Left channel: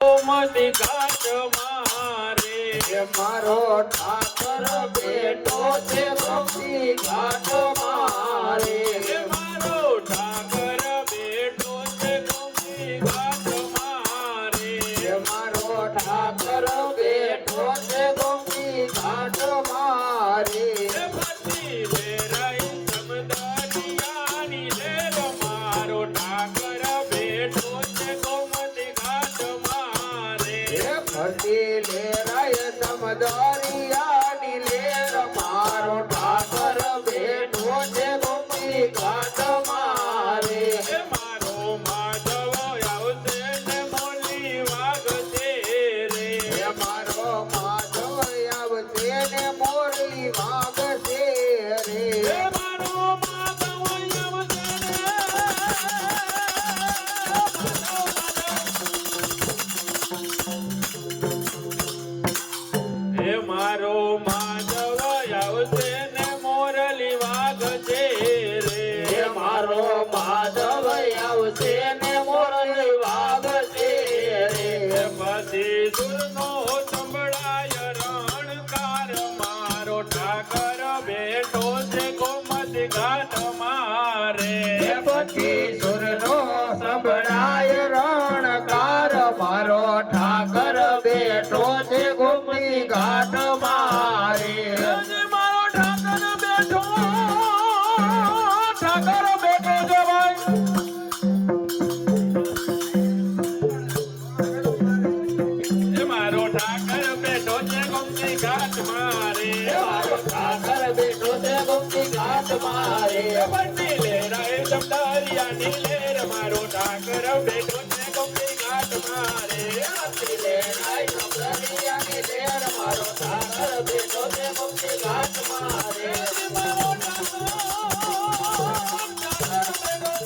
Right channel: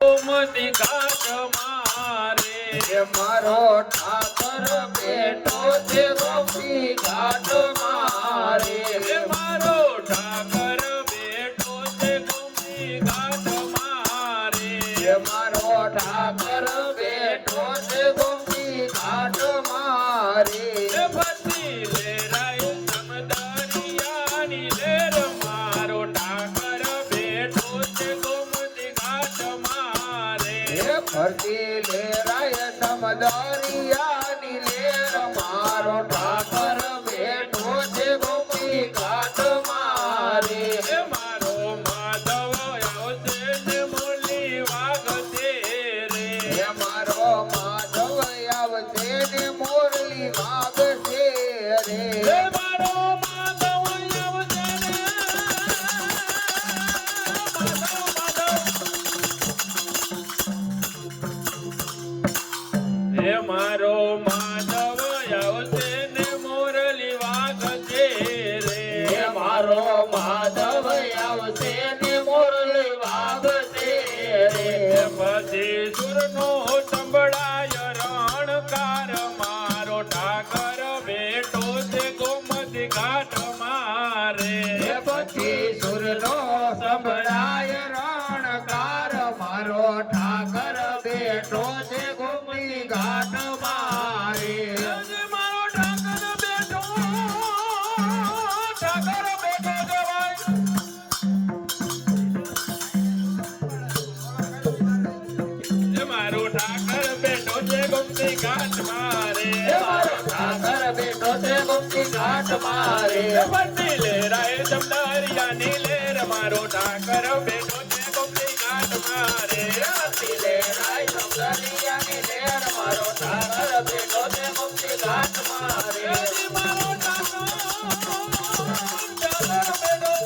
ગોમતી ઘાટ મારે મારો ઠાકર બેઠો છે ગોમતી ઘાટ મારે મારો ઠાકર બેઠો છે ગોમતી ઘાટ મારે મારો ઠાકર બેઠો છે ગોમતી ઘાટ મારે ફરતી લેરાય સમદરિયાની લેર મારો ઠાકર બેઠો છે ગોમતી ઘાટ મારે ફરતી લેરાય સમદરિયાની લેર મારો ઠાકર બેઠો છે ગોમતી ઘાટ મારે મારો માધવ આવશે ને મોલી વાગશે રે મારો માધવ આવશે ને મોરલી વાગશે રે મારો માધવ આવશે ને મારો માધવ આવશે ને મોરલી વાગશે રે મારો માધવ આવશે ને મોરલી વાગશે રે પછી સુરનો સંભળાય રણકાર મારો ઠાકર બેઠો છે ગોમતી ઘાટ મારે પછી સુરનો સંભળાય રણકાર મારો ઠાકર બેઠો છે ગોમતી ઘાટ મારે મારો ઠાકર બેઠો છે મારો ઠાકર બેઠો છે ગોમતી ઘાટ મારે મારો ઠાકર બેઠો છે ગોમતી ઘાટ મારે બંને લેરાય સમદારિયાની લેર મારો ઠાકર બેઠો છે ગોમતી ઘાટ મારે લેરાય સમદરિયાની લેર મારો ઠાકર બેઠો છે ગોમતી ઘાટ મારે મારો ઠાકર બેઠો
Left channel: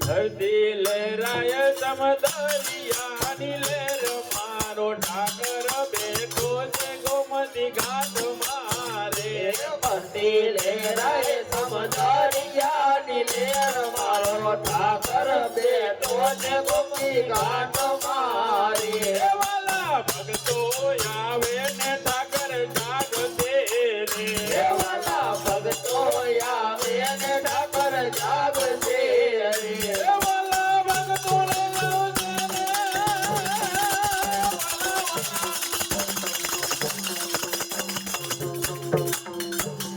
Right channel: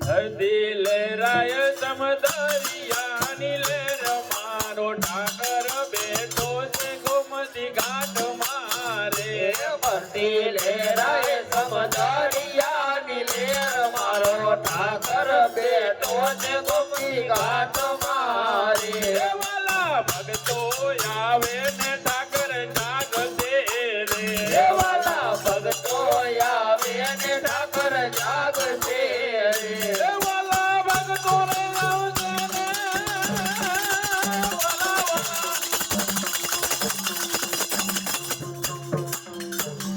ધરતી લેરાય સમદરિયાની લેર મારો ઠાકર બેઠો છે ગોમતી ઘાટ મારે ફરતી લેરાય સમદરિયાની લેર મારો ઠાકર બેઠો છે ગોમતી ઘાટ મારે વાલા ભક્તો આવે ને ઠાકર જાગશે રે વાલા ભક્તો આવે ને ઠાકર જાગશે રે વાલા ભક્તો રે આવશે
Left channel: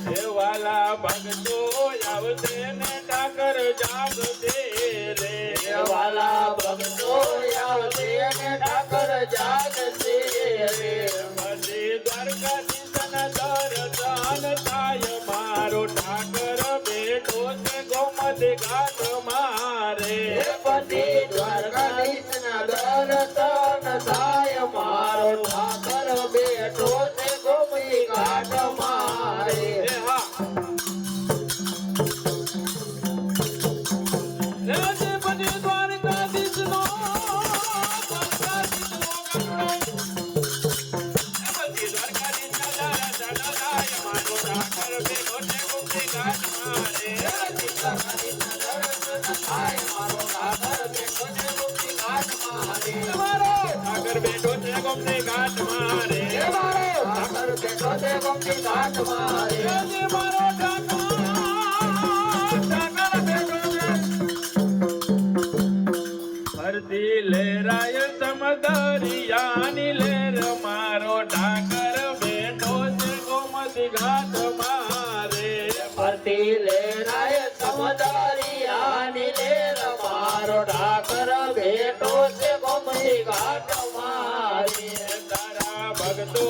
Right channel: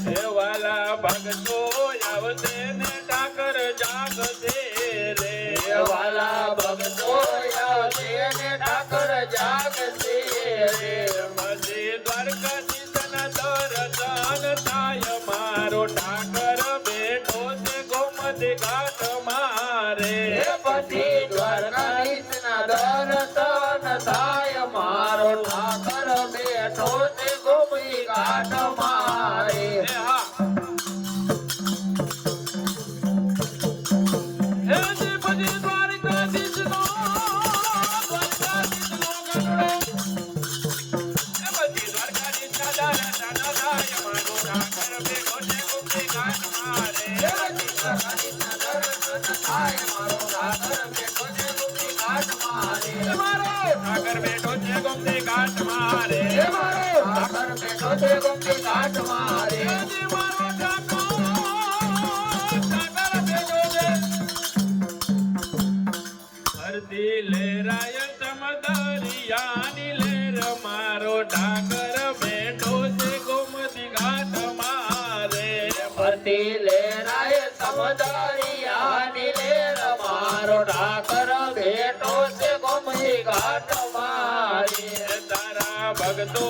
ને વાલા ભક્તો આવશે ને ઠાકર જાગશે રે વાલા ભક્તો આવશે ને ઠાકર જાગશે રે પછી દ્વારકાધીશના દર્શન થાય મારો ઠાકર બેઠો છે ગોમતી ઘાટ મારે પછી દ્વારકાધીશના દર્શન થાય મારો ઠાકર બેઠો છે ગોમતી ઘાટ મારે પછી દ્વારકાધીશનો મારો ઠાકર બેઠો છે ગોમતી ઘાટ મારે મારો ઠાકર બેઠો છે ગોમતી ઘાટ મારે મારો ઠાકર બેઠો છે ગોમતી ઘાટ મારે મારો ઠાકર બેઠો છે ગોમતી ઘાટ મારે મારો ઠાકર બેઠો છે ફરતી લેરાય સમદરિયાની લેર મારો ઠાકર બેઠો છે ગોમતી ઘાટ મારે ફરતી લેરાય સમદરિયાની લેર મારો ઠાકર બેઠો છે ગોમતી ઘાટ મારે તારા ભક્તો